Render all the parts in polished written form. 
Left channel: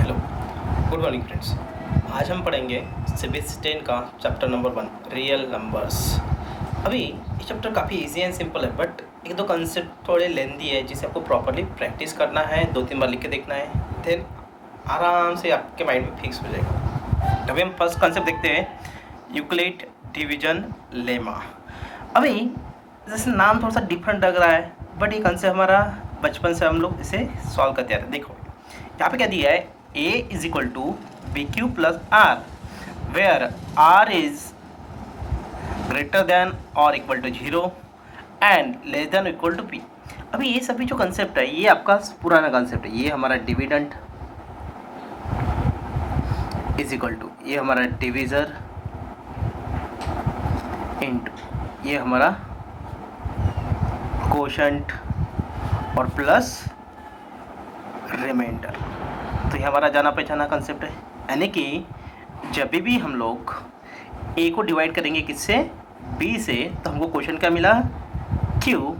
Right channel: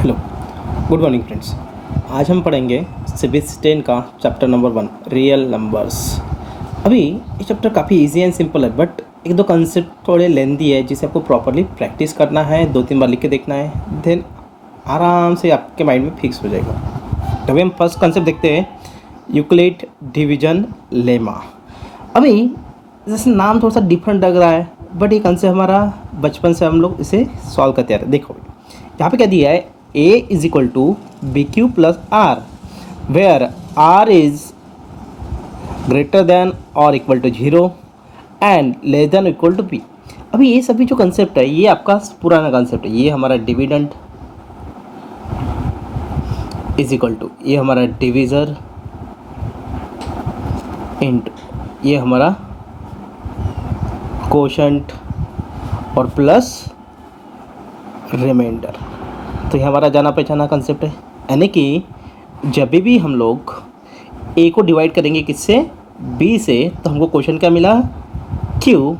Hello, good morning friends. आज हम पढ़ेंगे सिविक्स 10 का चैप्टर नंबर 1 रियल नंबर्स। अभी ये चैप्टर काफ़ी इजी एंड सिंपल है, बट एक दो कंसेप्ट थोड़े लेंदी है जिसे आपको प्रॉपरली प्रैक्टिस करना है, 2-3 बार लिख के देखना है, देन आराम से आपके माइंड में फिक्स हो जाएगा। तभी हम फर्स्ट कंसेप्ट देखते हैं, यूक्लिड डिवीजन लेमा। अभी जैसे नाम थोड़ा सा डिफरेंट लग रहा है, बट ये कंसेप्ट हमारा बचपन से हम लोग इसे सॉल्व करते आ रहे हैं। देखो यहाँ पे क्या दिया है, a is equal to b q plus r, where r is greater than और equal to 0 and less than equal to b। अभी ये सभी जो कंसेप्ट है ये आपका पुराना कंसेप्ट है। ये हमारा डिविडेंड इज इक्वल टू, ये हमारा डिविजर इंटू ये हमारा कोशेंट और प्लस रिमाइंडर। तो ये हमारा जाना पहचाना कंसेप्ट है। यानी कि जब भी हम लोग ए को डिवाइड करेंगे किससे, बी से, तो हमको क्वेश्चन क्या मिला, क्यू,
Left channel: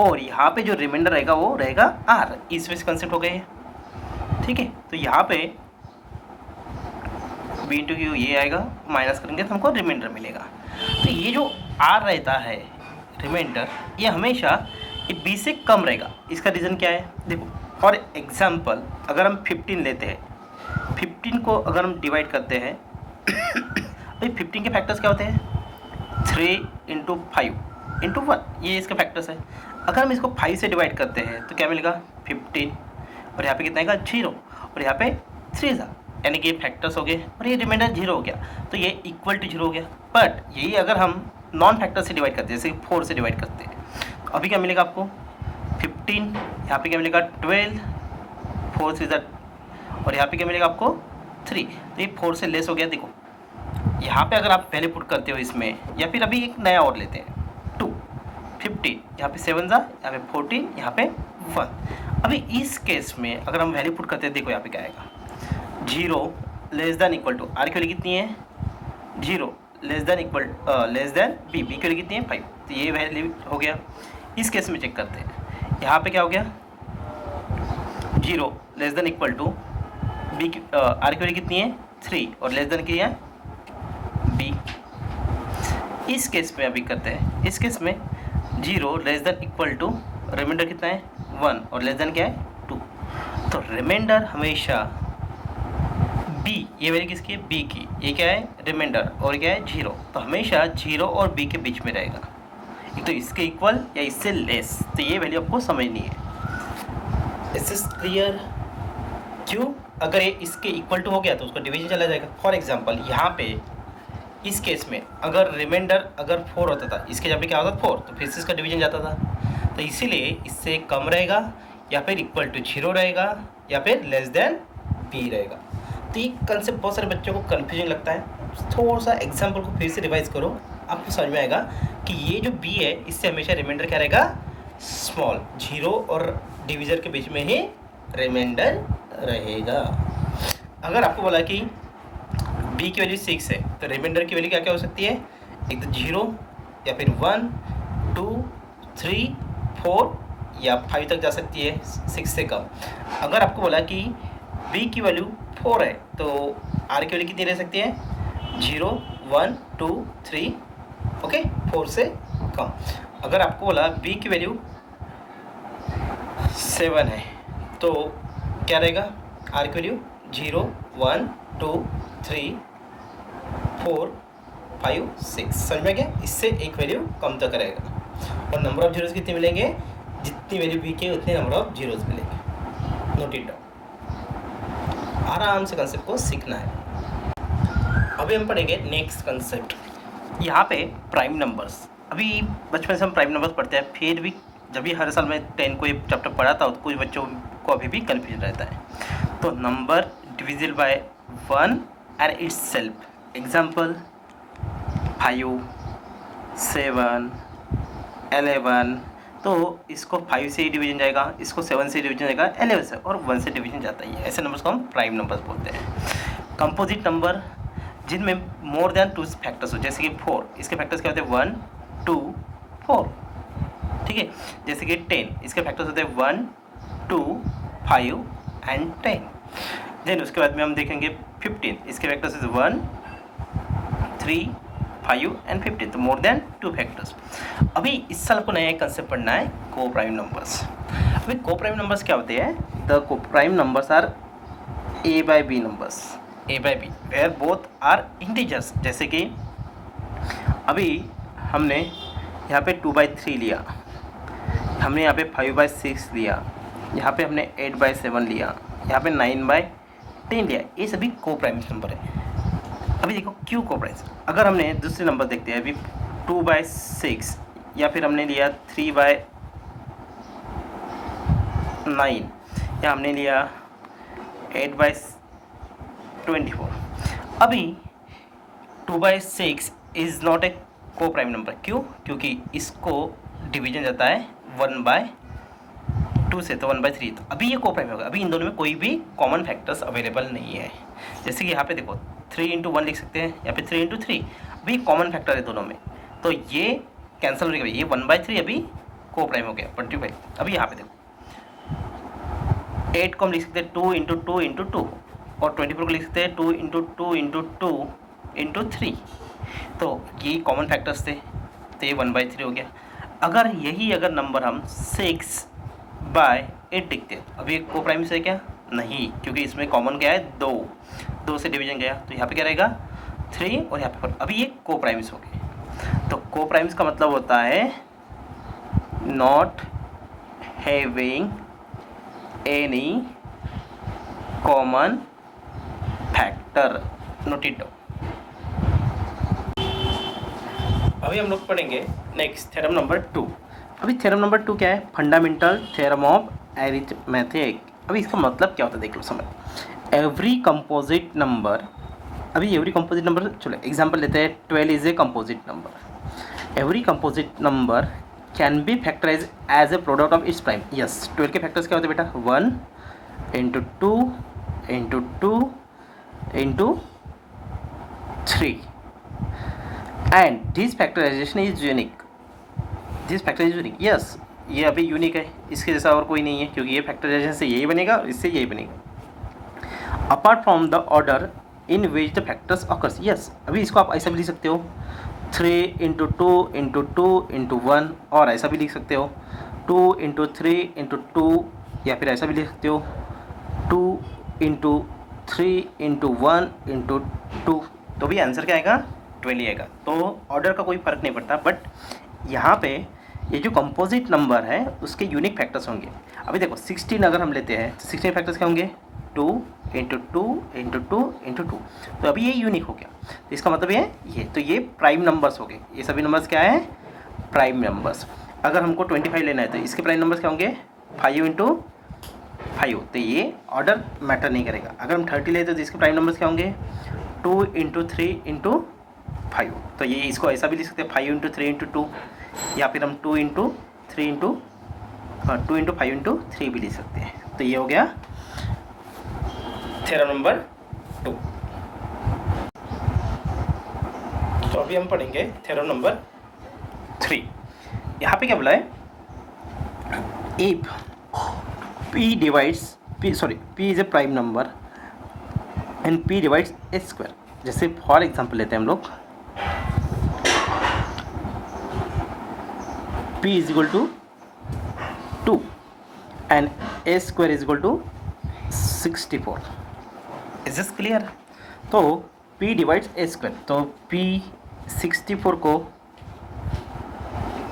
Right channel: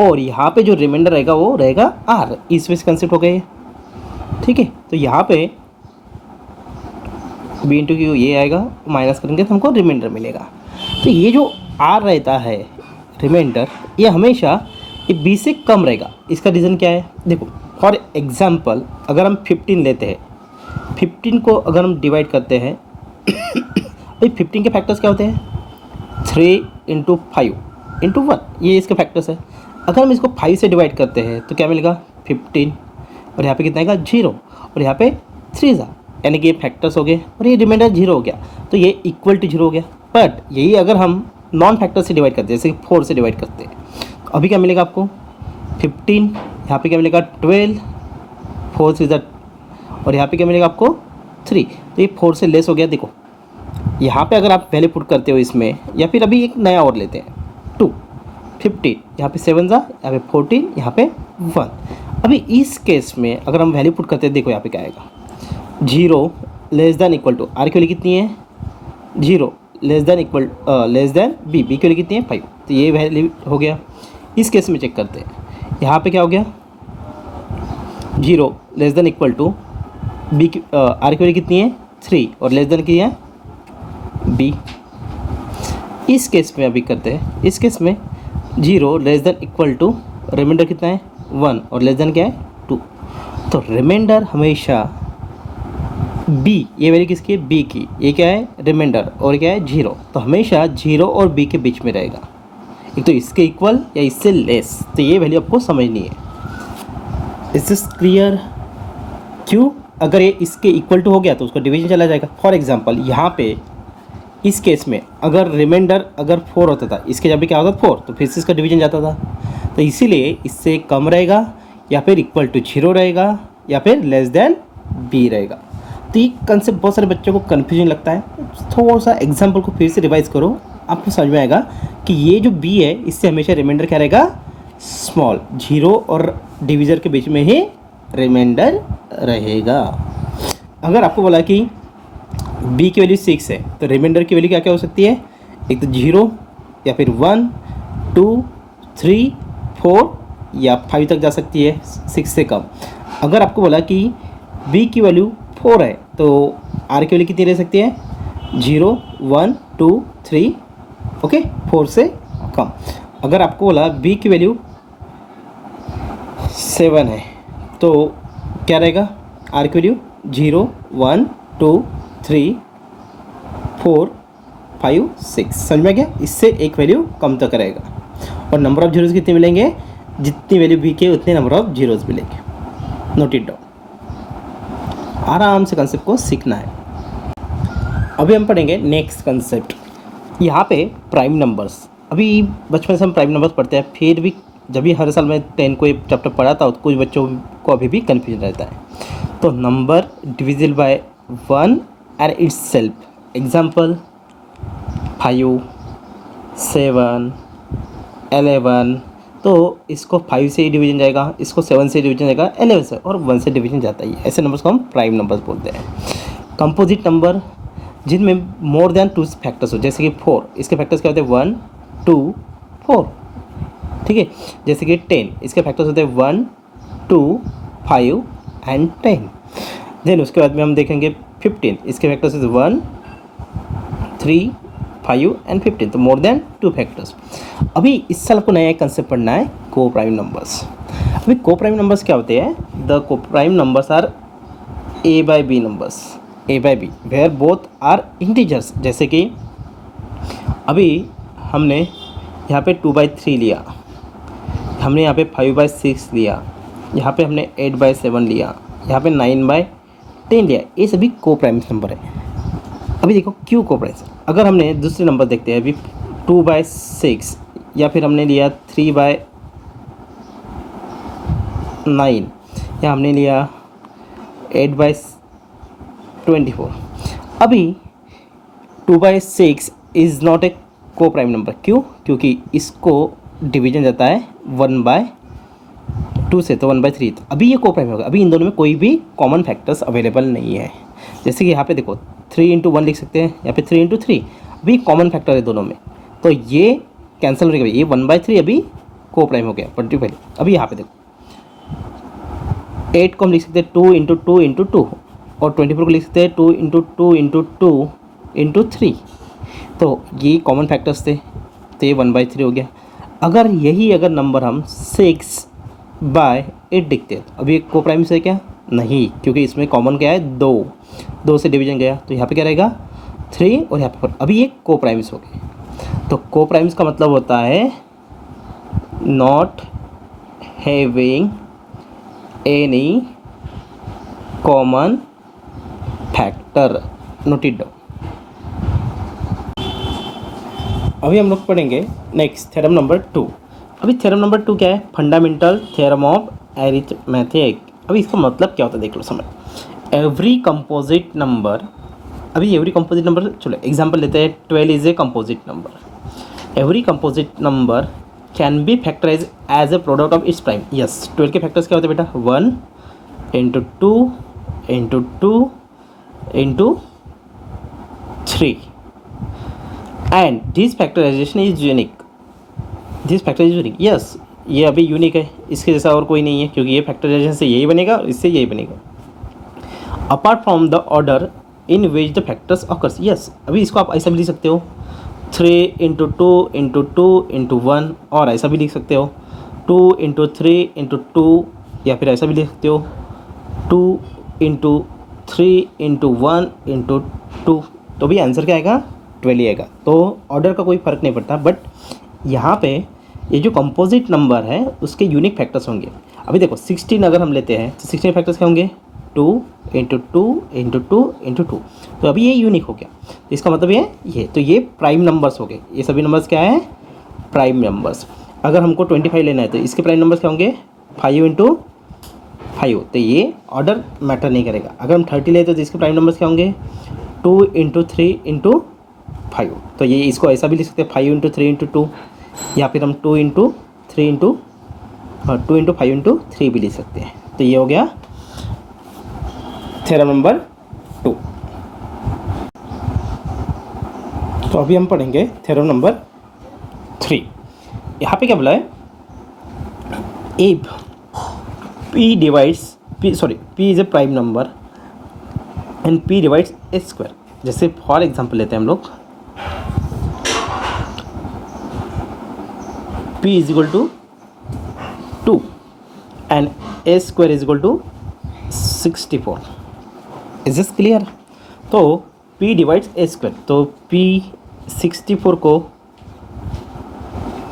और यहाँ पे जो रिमाइंडर रहेगा वो रहेगा आर। इस वजह से कंसेप्ट हो गए, ठीक है। तो यहाँ पे बी इंटू क्यू ये आएगा, माइनस करेंगे तो हमको रिमाइंडर मिलेगा। तो ये जो आर रहता है रिमाइंडर, ये हमेशा ये बी से कम रहेगा। इसका रीज़न क्या है, देखो फॉर एग्जाम्पल अगर हम 15 लेते हैं, 15 को अगर हम डिवाइड करते हैं भाई 15 के फैक्टर्स क्या होते हैं, 3 इंटू 5 इंटू 1, ये इसके फैक्टर्स है। अगर हम इसको 5 से डिवाइड करते हैं तो क्या मिलेगा 15, और यहाँ पे कितना आएगा 0, और यहाँ पे 3 ज़ा, यानी कि ये फैक्टर्स हो गए और ये रिमाइंडर 0 हो गया, तो ये इक्वल टू 0 हो गया। बट यही अगर हम नॉन फैक्टर से डिवाइड करते हैं, जैसे 4 से डिवाइड करते हैं, तो अभी क्या मिलेगा आपको 15, यहाँ पे क्या मिलेगा 12, 4 से ज़ा, और यहाँ पे क्या मिलेगा आपको 3, तो ये 4 से लेस हो गया। देखो यहाँ पे अगर आप वैल्यू पुट करते हो इसमें, या फिर अभी एक नया और लेते हैं 2, 15, यहाँ पे 7 ज़ा, यहाँ पे 14, यहाँ पे 1। अभी इस केस में अगर हम वैल्यू पुट करते हैं, देखो यहाँ पे क्या आएगा, 0 less than equal to, r की वैल्यू कितनी है 0, less than equal less than b, b की वैल्यू कितनी है 5, तो ये वैल्यू हो गया। इस केस में चेक करते हैं, यहाँ पे क्या हो गया 0 less than equal to b की आर की वैल्यू कितनी है 3, और लेस देन की है बी। इस केस में अभी करते हैं, इस केस में 0 less than equal to reminder कितना है 1, और लेस देन क्या है 2, तो रिमाइंडर हमेशा बी, ये वैल्यू किसकी है बी की, ये क्या है रिमाइंडर, और क्या है 0, तो हमेशा 0 और बी के बीच में रहेगा, एक तो इसके इक्वल या इससे लेस। तो ये वैल्यू आपको समझनी है। Is this clear? क्यों, अगर ये इसके इक्वल टू हो गया तो उसका डिवीजन चला जाएगा। फॉर एग्जांपल यहाँ पे इस केस में अगर रिमाइंडर अगर 4 होता था, इसके जब भी क्या होता 4, तो फिर से इसका डिवीजन जाता था। तो इसीलिए इससे कम रहेगा, या फिर इक्वल टू 0 रहेगा, या फिर लेस देन बी रहेगा। तो ये कंसेप्ट बहुत सारे बच्चों को कन्फ्यूजन लगता है। थोड़ा सा एग्जाम्पल को फिर से रिवाइज करो, आपको समझ में आएगा कि ये जो बी है इससे हमेशा रिमाइंडर क्या रहेगा स्मॉल, 0 और डिवीजर के बीच में ही रिमाइंडर रहेगा। अगर आपको बोला कि बी की वैल्यू 6 है, तो रिमाइंडर की वैल्यू क्या क्या हो सकती है, एक तो 0, या फिर 1, 2, 3, 4 या 5 तक जा सकती है 6 से कम। अगर आपको बोला कि बी की वैल्यू 4 है, तो आर की वैल्यू कितनी रह सकती है 0, 1, 2, 3, ओके, 4 से कम। अगर आपको बोला बी की वैल्यू 7 है, तो क्या रहेगा आर की वैल्यू 0, 1, 2, 3, 4, 5, 6। समझ में गया, इससे एक वैल्यू कम तक रहेगा। और नंबर ऑफ जीरोज़ कितने मिलेंगे, जितनी वैल्यू बी के उतने नंबर ऑफ जीरोज़ मिलेंगे। नोट इट डाउन, आराम से कंसेप्ट को सीखना है। अभी हम पढ़ेंगे नेक्स्ट कंसेप्ट। यहाँ पे प्राइम नंबर्स, अभी बचपन से हम प्राइम नंबर्स पढ़ते हैं, फिर भी जब भी हर साल मैं 10 को एक चैप्टर पढ़ा था, कुछ बच्चों को अभी भी कन्फ्यूजन रहता है। तो number divisible by 1 and it's self, example 5, 7, 11, तो इसको 5 से ही डिवीजन जाएगा, इसको 7 से डिवीजन जाएगा, 11 से, और 1 से डिवीजन जाता ही। ऐसे नंबर्स को हम प्राइम नंबर्स बोलते हैं। कंपोजिट नंबर, जिनमें मोर देन 2 फैक्टर्स हो, जैसे कि 4, इसके फैक्टर्स क्या होते हैं 1, 2, 4, ठीक है। जैसे कि 10, इसके फैक्टर्स होते हैं 1, 2, 5 एंड 10। देन उसके बाद में हम देखेंगे 15, इसके फैक्टर्स इज 1, 3, 5 एंड 15, तो मोर देन 2 फैक्टर्स। अभी इस साल को नया एक कंसेप्ट पढ़ना है, को प्राइम नंबर्स। अभी को प्राइम नंबर्स क्या होते हैं? The coprime numbers are a by b numbers, a by b where both are integers. जैसे कि अभी हमने यहाँ पे 2/3 लिया, हमने यहाँ पे 5/6 लिया, यहाँ पे हमने 8/7 लिया, यहाँ पे 9/10 लिया, ये सभी को प्राइम नंबर है। अभी देखो क्यों को प्राइम, अगर हमने दूसरे नंबर देखते हैं अभी 2/6, या फिर हमने लिया 3/9, या हमने लिया 8/24। अभी 2/6 इज़ नॉट ए को प्राइम नंबर। क्यों? क्योंकि इसको डिवीजन जाता है 1/2 से, तो 1/3, तो अभी ये को प्राइम होगा। अभी इन दोनों में कोई भी कॉमन फैक्टर्स अवेलेबल नहीं है। जैसे कि यहाँ पे देखो 3 × 1 लिख सकते हैं, या फिर 3 × 3, अभी कॉमन फैक्टर है दोनों में, तो ये कैंसिल हो गया, ये 1/3 अभी को प्राइम हो गया 25। अभी यहाँ पे देखो 8 को हम लिख सकते हैं 2 × 2 × 2, और 24 को लिख सकते हैं 2 × 2 × 2 × 3, तो ये कॉमन फैक्टर्स थे, तो ये 1/3 हो गया। अगर नंबर हम 6/8 लिखते हैं, अभी एक को प्राइम से क्या? नहीं, क्योंकि इसमें कॉमन क्या है? 2 से डिवीजन गया, तो यहाँ पे क्या रहेगा? 3, और यहाँ पे 4। अभी ये को प्राइम्स हो गए। तो को प्राइम्स का मतलब होता है not having any common factor. Note it down. अभी हम लोग पढ़ेंगे नेक्स्ट थ्योरम नंबर 2। अभी थ्योरम नंबर 2 क्या है? Fundamental theorem of arithmetic. अभी इसका मतलब क्या होता है देख लो, समझ। एवरी कंपोजिट नंबर, अभी एवरी कंपोजिट नंबर, चलो एग्जांपल लेते हैं, 12 is a composite number. Every composite number can be factorise as a product of its prime. Yes, 12 के फैक्टर्स क्या होते हैं बेटा? 1 × 2 × 2 × 3, and this factorisation is unique. This factor is unique, yes, ये अभी यूनिक है, इसके जैसा और कोई नहीं है, क्योंकि ये फैक्टराइजेशन से यही बनेगा और इससे यही बनेगा। Apart from the order in which the factors occurs. Yes, अभी इसको आप ऐसा भी लिख सकते हो 3 × 2 × 2 × 1, और ऐसा भी लिख सकते हो 2 × 3 × 2, या फिर ऐसा भी लिख सकते हो 2 × 3 × 1 × 2। तो भी आंसर क्या आएगा? 12 आएगा। तो ऑर्डर का कोई फ़र्क नहीं पड़ता, बट यहाँ पे ये जो कंपोजिट नंबर है उसके यूनिक फैक्टर्स होंगे। अभी देखो 16 अगर हम लेते हैं तो 16 फैक्टर्स क्या होंगे? 2 × 2 × 2 × 2, तो अभी ये यूनिक हो गया। तो इसका मतलब ये तो ये प्राइम नंबर्स हो गए। ये सभी नंबर्स क्या है? Prime numbers. अगर हमको 25 लेना है तो इसके प्राइम नंबर्स क्या होंगे? 5 × 5, तो ये ऑर्डर मैटर नहीं करेगा। अगर हम 30 लेते हैं तो इसके प्राइम नंबर्स क्या होंगे? 2 × 3 × 5, तो ये इसको ऐसा भी लिख सकते हैं 5 × 3 × 2, या फिर हम 2 × 3 × 2 × 5 × 3 भी लिख सकते हैं। तो ये हो गया थ्योरम नंबर 2। तो अभी हम पढ़ेंगे थ्योरम नंबर 3। यहाँ पे क्या बोला है? If P divides P is a prime number and P divides a square. जैसे फॉर एग्जांपल लेते हैं हम लोग, P is equal to 2 and A square is equal to 64। Is this clear? तो P डिवाइड्स A स्क्वायर, तो P 64 को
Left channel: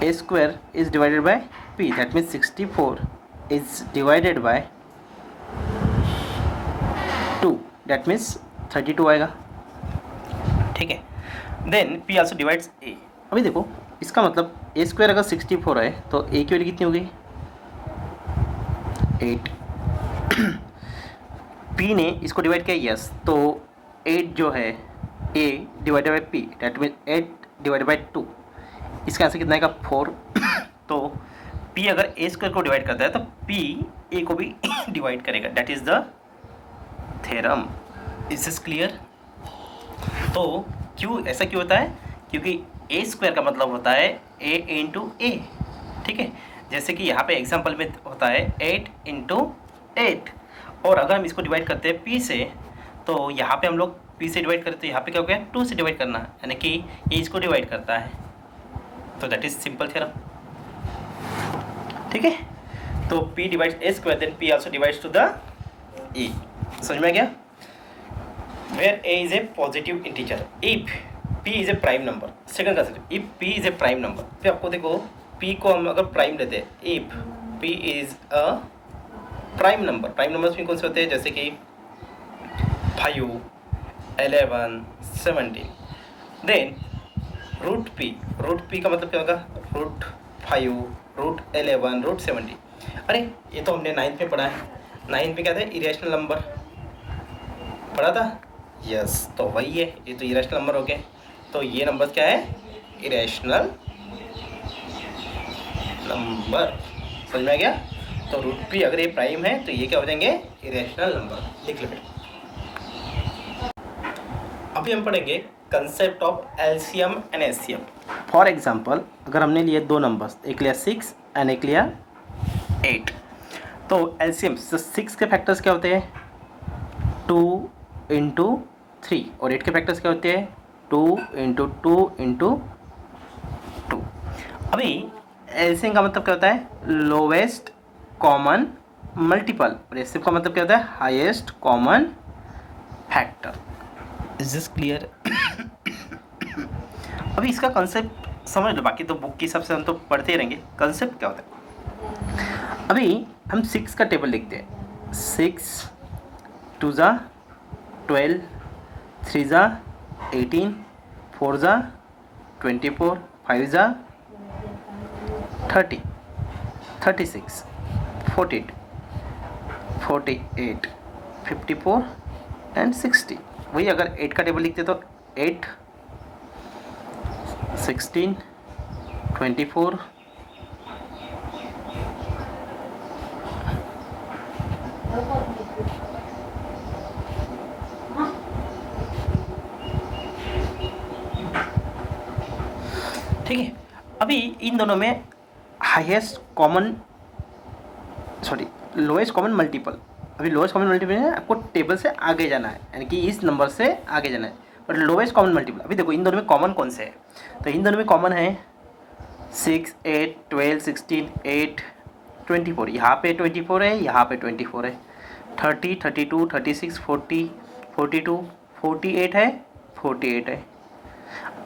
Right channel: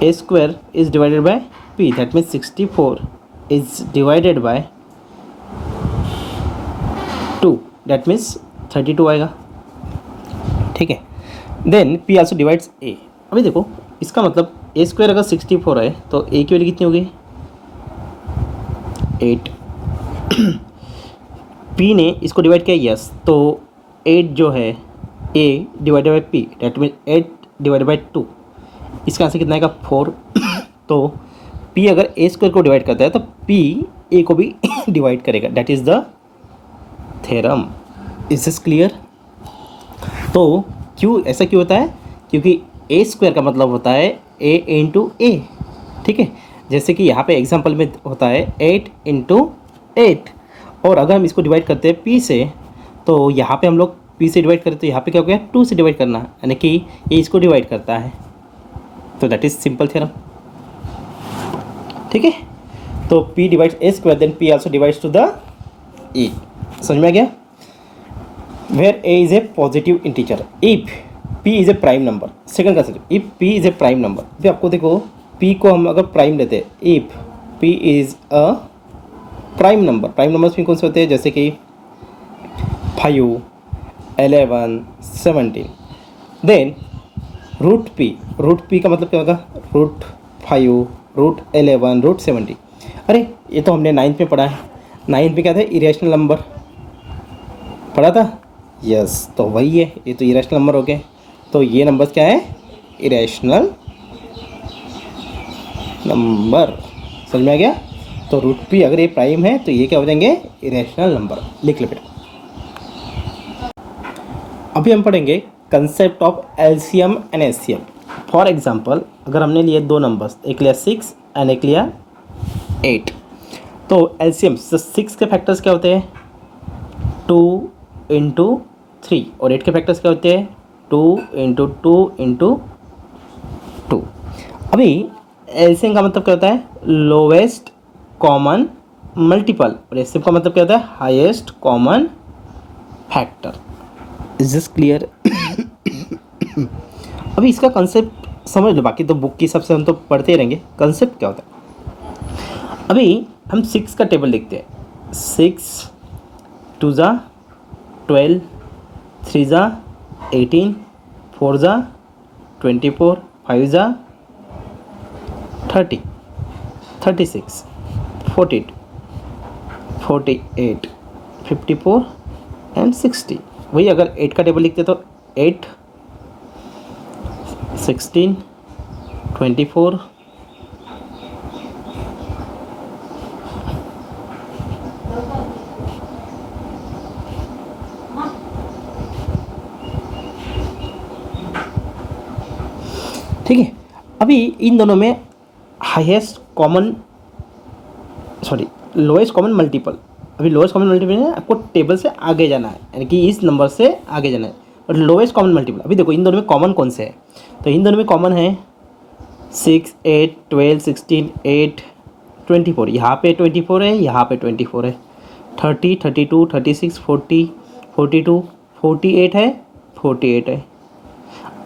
A square is divided by P, that means 64 is divided by 2, that means 32 आएगा। ठीक है, then P also divides A। अभी देखो इसका मतलब A स्क्वायर अगर 64 है तो A की वैल्यू कितनी होगी? 8। P ने इसको डिवाइड किया, यस, तो 8 जो है A divided by P, that mean 8 divided by 2, इसका आंसर कितना आएगा? 4। तो P अगर A स्क्वायर को डिवाइड करता है तो P A को भी डिवाइड करेगा, that is the theorem. Is this clear? तो ऐसा क्यों होता है? क्योंकि A स्क्वायर का मतलब होता है A × A। ठीक है, जैसे कि यहाँ पे एग्जांपल में होता है 8 × 8, और अगर हम इसको डिवाइड करते हैं p से, तो यहाँ पे हम लोग p से डिवाइड करें तो यहाँ पे क्या हो गया 2 से डिवाइड करना, यानी कि ये इसको डिवाइड करता है, तो दैट इज सिंपल थ्योरम। ठीक है, तो p divides a square then p also divides to the e। समझ में आ गया? Where a is a positive integer if p is a prime number. Second concept, if p is a prime number. अभी आपको देखो p को हम अगर प्राइम लेते हैं, if p is a prime number, prime numbers में कौन से होते हैं, जैसे कि 5, 11, 17, देन रूट p का मतलब क्या होगा, √5, √11, √70। अरे ये तो हमने 9th में पढ़ा है, 9th में क्या था, इरेशनल नंबर पढ़ा था। यस, तो वही है, ये तो इरेशनल नंबर हो गए, तो ये नंबर्स क्या है, इरेशनल नंबर। समझ में आ गया? तो √p अगर ये प्राइम है तो ये क्या हो जाएंगे, इरेशनल नंबर। लिख लो बेटा। अभी हम पढ़ेंगे concept of LCM and HCM. For example, अगर हमने लिए दो नंबर्स, एक लिया 6 एंड एक लिया 8, तो एलसीएम 6 के फैक्टर्स क्या होते हैं, 2 × 3, और 8 के फैक्टर्स क्या होते हैं, 2 × 2 × 2। अभी एलसीएम का मतलब क्या होता है, लोवेस्ट कॉमन मल्टीपल, और एचसीएम का मतलब क्या होता है, highest common factor. Is this clear? अभी इसका कंसेप्ट समझ लो, बाकी तो बुक के हिसाब से हम तो पढ़ते ही रहेंगे। कंसेप्ट क्या होता है, अभी हम 6 का टेबल लिखते हैं, 6 2 ज़ा 12, 3 ज़ा 18, 4 ज़ा 24, 5 ज़ा 30, 36, 48, 48, 54 एंड 60। वही अगर 8 का टेबल लिखते तो 8, 16, 24, ठीक है। अभी इन दोनों में highest common, sorry lowest common multiple, अभी लोएस्ट कॉमन मल्टीपल है, आपको टेबल से आगे जाना है, यानी कि इस नंबर से आगे जाना है। बट लोएस्ट कॉमन मल्टीपल, अभी देखो इन दोनों में कॉमन कौन से है, तो इन दोनों में कॉमन है 6, 8, 12, 16, 8, 24। यहाँ पे 24 है, यहाँ पे 24 है, 30, 32, 36, 40, 42, 48 है, 48 है।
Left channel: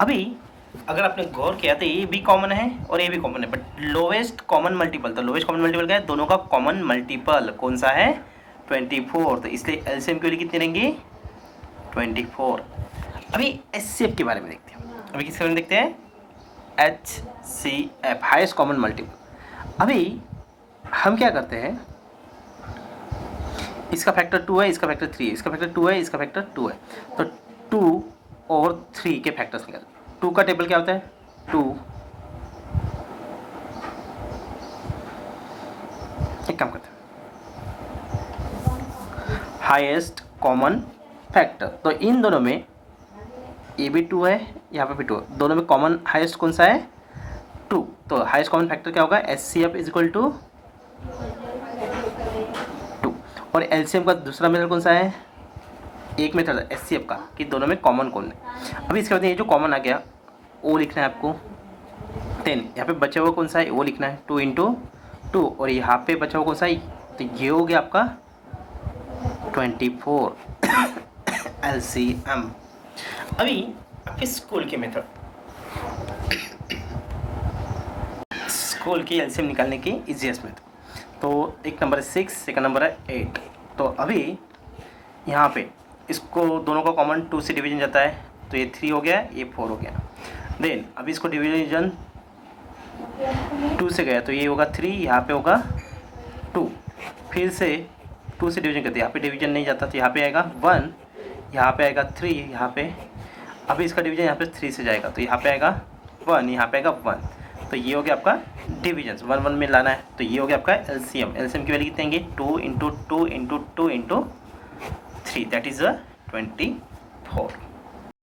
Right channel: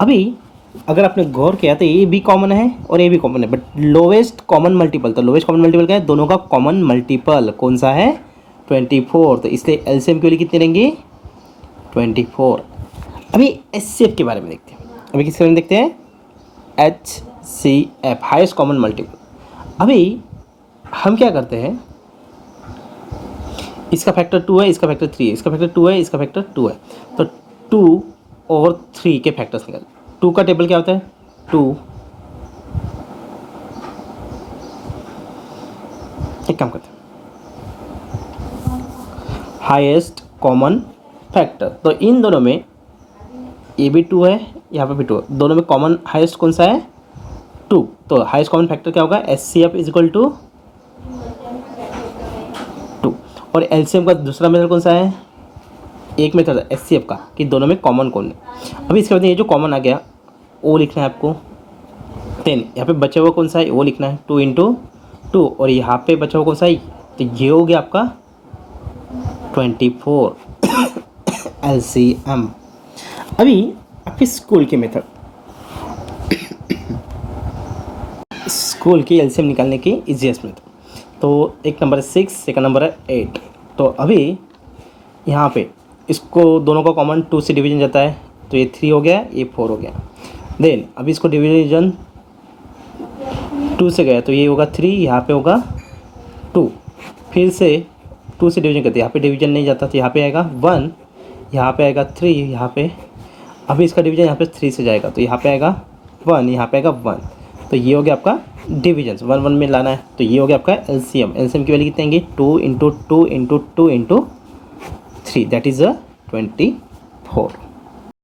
अभी अगर आपने गौर किया तो ये भी कॉमन है और ये भी कॉमन है, बट लोवेस्ट कॉमन मल्टीपल, तो लोवेस्ट कॉमन मल्टीपल क्या है, दोनों का कॉमन मल्टीपल कौन सा है, 24। तो इसलिए एलसीएम के लिए कितनी रहेंगी, 24। अभी एचसीएफ के बारे में देखते हैं। अभी किसके बारे में देखते हैं, HCF, हाईएस्ट कॉमन मल्टीपल। अभी हम क्या करते हैं, इसका फैक्टर 2 है, इसका फैक्टर 3 है, इसका फैक्टर 2 है, इसका फैक्टर 2 है, तो 2 और 3 के फैक्टर्स निकाल। 2 का टेबल क्या होता है, 2, एक काम करते हैं, हाईएस्ट कॉमन फैक्टर, तो इन दोनों में ये भी 2 है, यहाँ पे भी 2 है, दोनों में कॉमन हाईएस्ट कौन सा है, 2। तो हाईएस्ट कॉमन फैक्टर क्या होगा, HCF इज इक्वल टू 2। और एलसीएम का दूसरा मेथड कौन सा है, एक मेथड है HCF का कि दोनों में कॉमन कौन है। अभी इसके बाद ये जो कॉमन आ गया वो लिखना है आपको, 10, यहाँ पे बचा हुआ कौन सा है वो लिखना है, 2 × 2, और यहाँ पे बचा हुआ कौन सा है, तो ये हो गया आपका 24 LCM। अभी आपके स्कूल की मेथड, स्कूल की एलसीएम निकालने की इजीएस्ट मेथड, तो एक नंबर है 6, सेकंड नंबर है 8। तो अभी यहाँ पे इसको दोनों का कॉमन 2 से डिवीजन जाता है, तो ये 3 हो गया, ये 4 हो गया। देन अभी इसको डिवीजन 2 से गया, तो ये होगा 3, यहाँ पे होगा 2, फिर से 2 से डिवीजन करते हैं, यहाँ पे डिवीजन नहीं जाता, तो यहाँ पे आएगा 1, यहाँ पे आएगा 3, यहाँ पे अभी इसका डिवीजन यहाँ पे 3 से जाएगा, तो यहाँ पे आएगा 1, यहाँ पे आएगा 1, तो ये हो गया आपका डिवीजन, 1 1 में लाना है, तो ये हो गया आपका एलसीएम। एलसीएम की वैल्यू कितनी आएंगी, 2 × 2 × 2 × 2 × 3, दैट इज़ 24।